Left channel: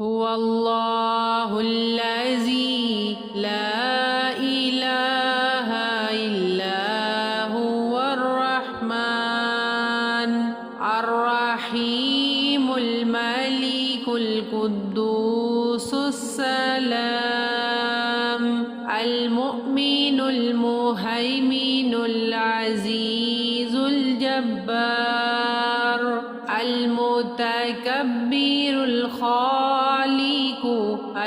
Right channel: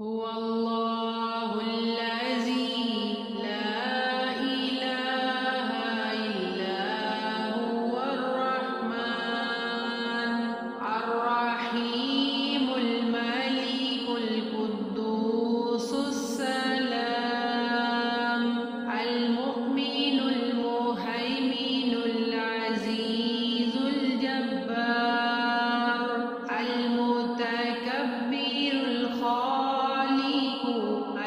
هو الله الذي لا إله إلا هو الرحمن الرحيم الملك القدوس السلام المؤمن المهيمن العزيز الجبار المتكبر الخالق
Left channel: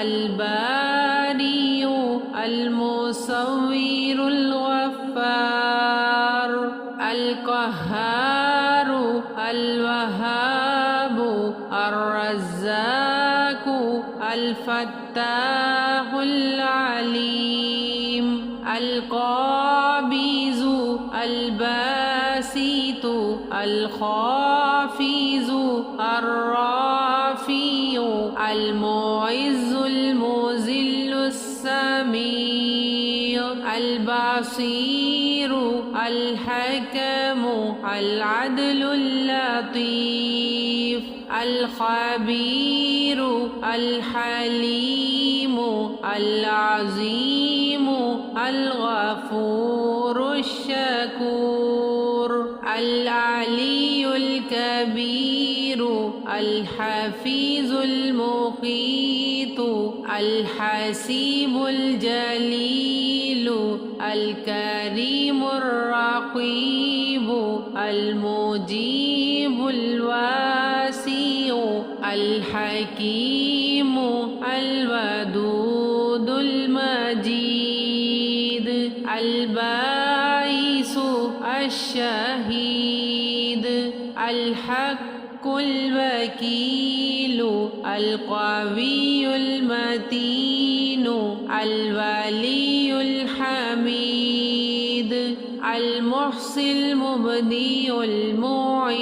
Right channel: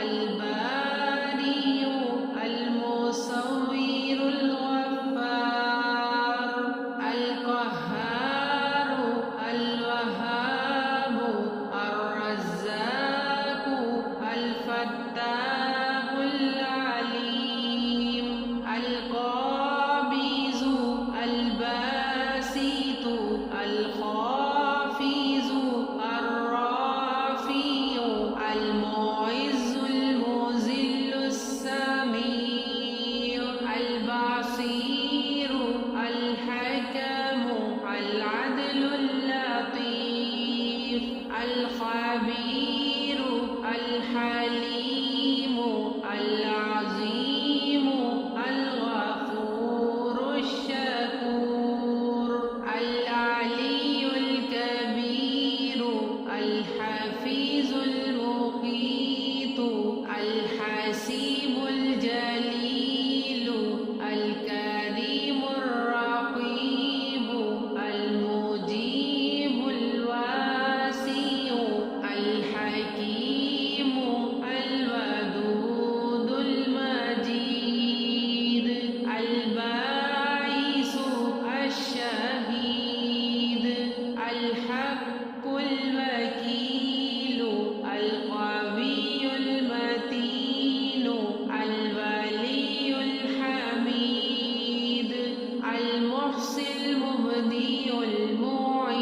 البارئ المصور الغفار القهار الوهاب الرزاق الفتاح العليم القابض الباسط الخافض الرافع المعز المذل السميع البصير الحكم العدل اللطيف الخبير الحليم العظيم الغفور الشكور العلي الكبير الحفيظ المقيت الحسيب الجليل الكريم الرقيب المجيب الواسع الحكيم الودود المجيد الباعث الشهيد الحق الوكيل القوي المتين الولي الحميد المحصي المبدئ المعيد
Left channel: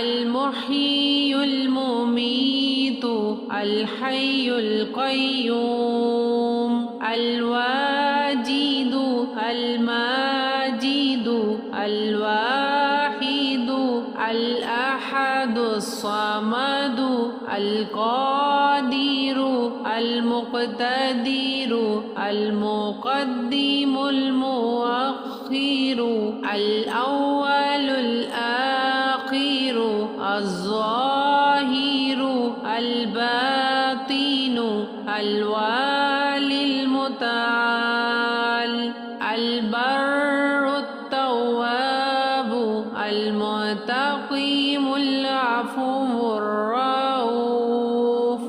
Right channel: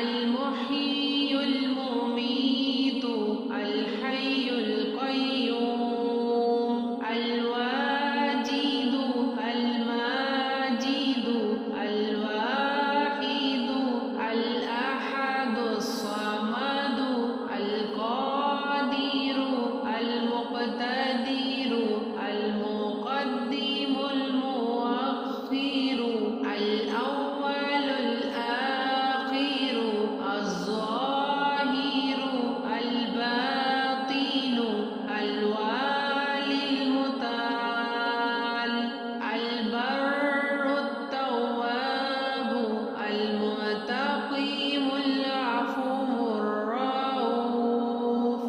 المحيي المميت الحي القيوم الواجد الماجد الواحد الأحد الصمد القادر المقتدر المقدم المؤخر الأول الآخر الظاهر الباطن الوالي المتعال البر التواب المتقيم العفو الرؤوف